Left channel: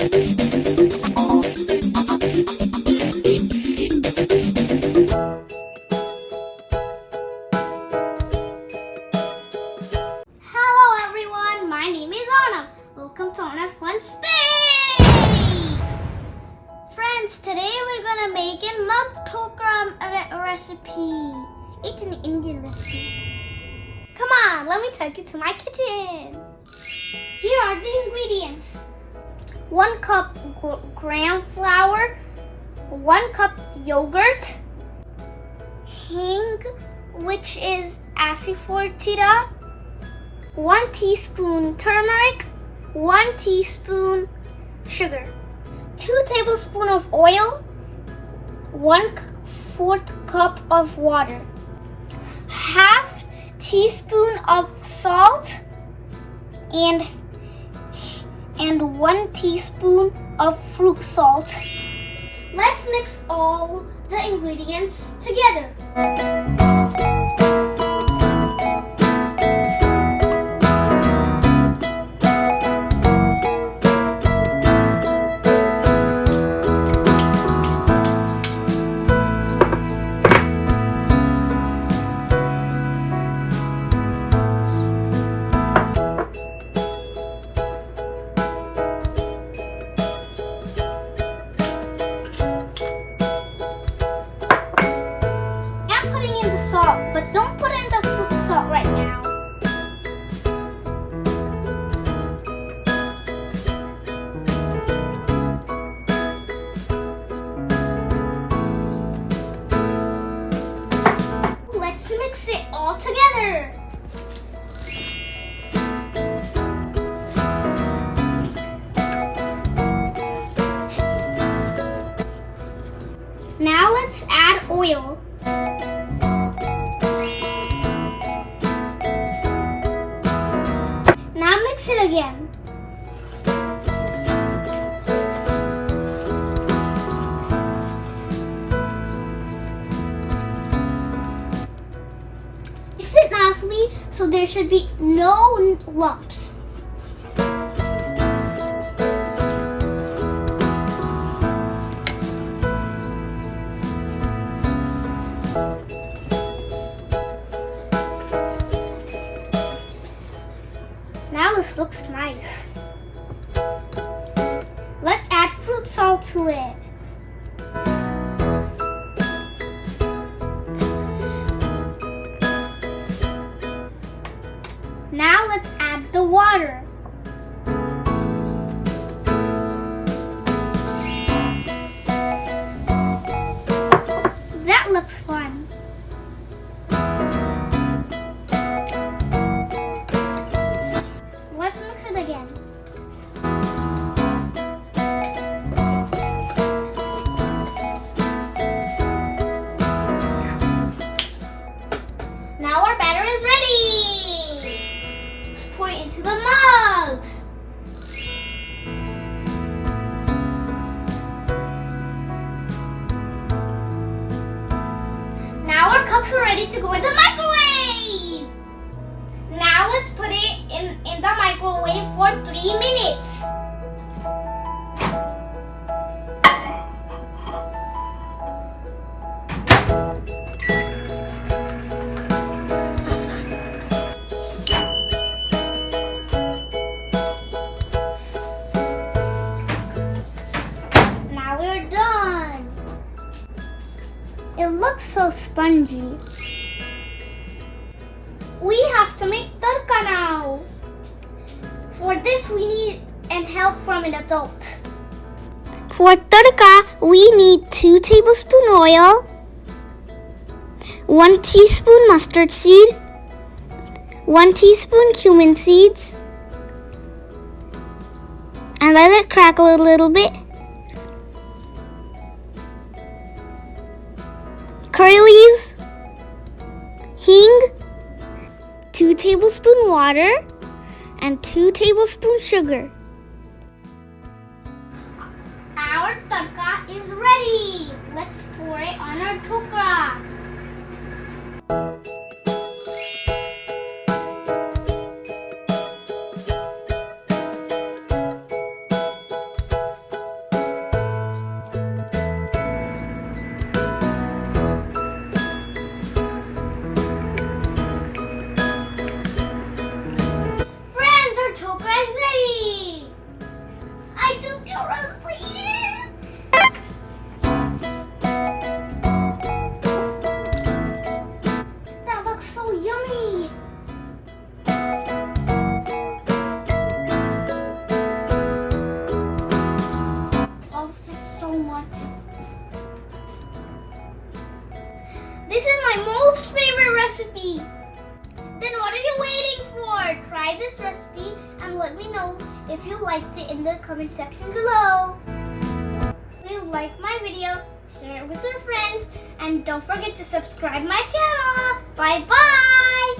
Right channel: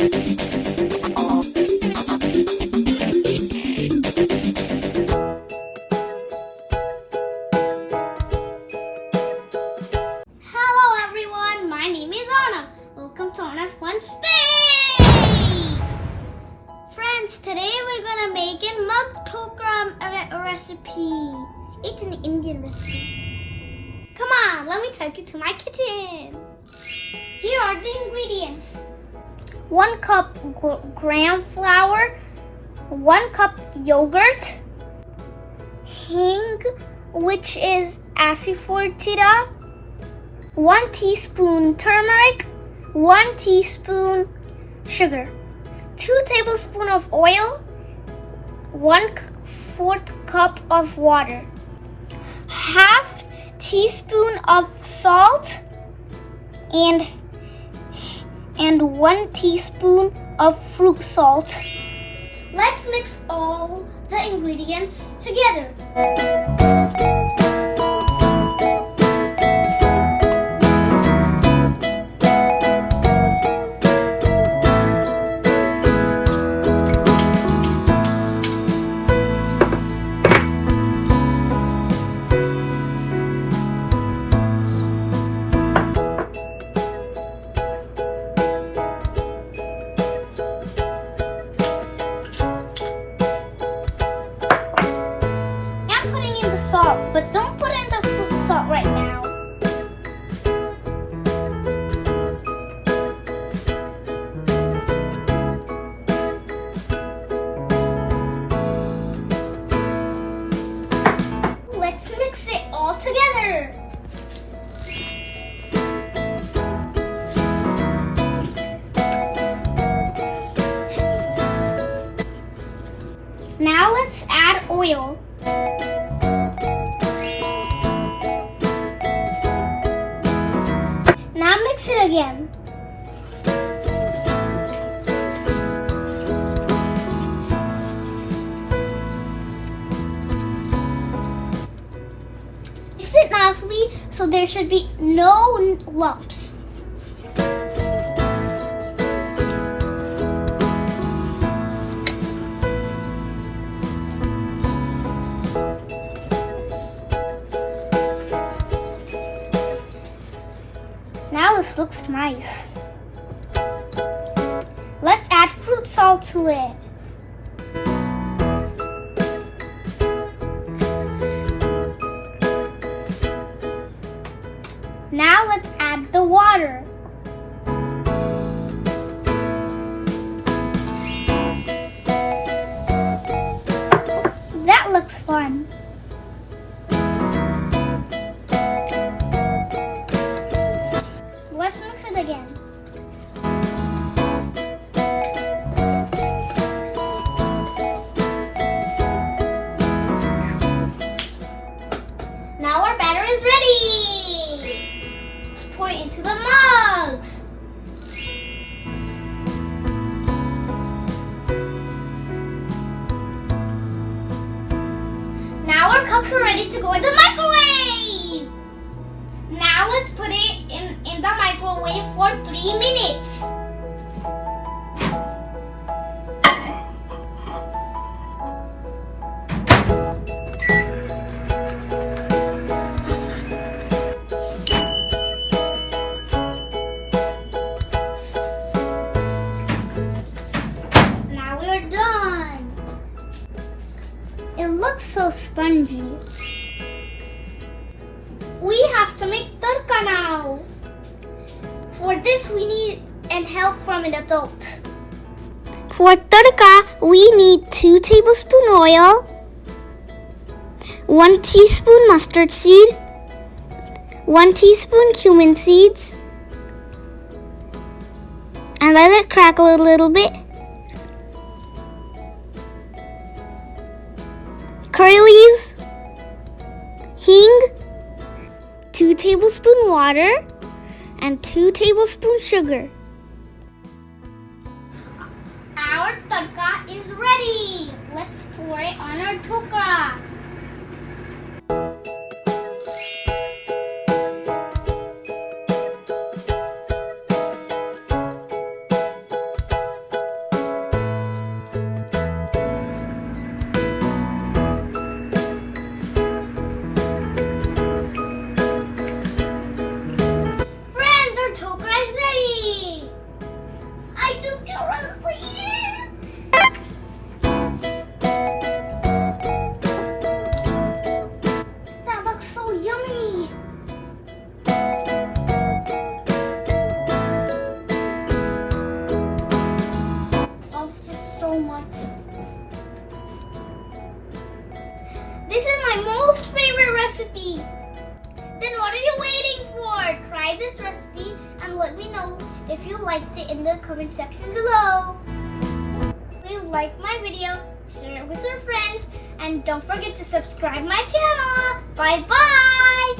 Hello everyone, my name is Anna. Welcome to Anna's Fun Space! Friends, today we're gonna make a Mug Dhokala recipe. It's an Indian recipe. Come on, let me take you to my kitchen. Here are the ingredients. 1 cup gram flour, 1 cup yogurt, hing, which is asafoetida, 1 teaspoon turmeric, 1 teaspoon sugar, 2 tablespoons of oil, 1/4 cup of water, half teaspoon of salt, and 1 teaspoon of fruit salt. Let's mix all the ingredients together. But don't put in the fruit salt right now. Let's mix it all together. Now let's add oil. Mix it again. Mix it nicely so there should be no lumps. Now this looks nice. Let's add fruit salt to it. Now let's add the water. That looks fun. Let's mix it again. Now our batter is ready. Let's pour it into the mugs. Now our cups are ready to go in the microwave. Now let's put it in the microwave for 3 minutes. Now we're done. It looks so spongy. We have to make tadka now. For this, we need help from an adult. For tadka, we need 2 tablespoons oil, 1 teaspoon mustard seed, 1 teaspoon cumin seeds, and let it crackle a little bit. Curry leaves, hing, 2 tablespoons water, and 2 tablespoons sugar. Our tadka is ready. Let's pour it on our dhokala. recipe. Then what are you waiting for? Try this recipe and let me know if you liked it in the comment section below. Please like my video, share it with your friends, and don't forget to subscribe my channel. Bye bye!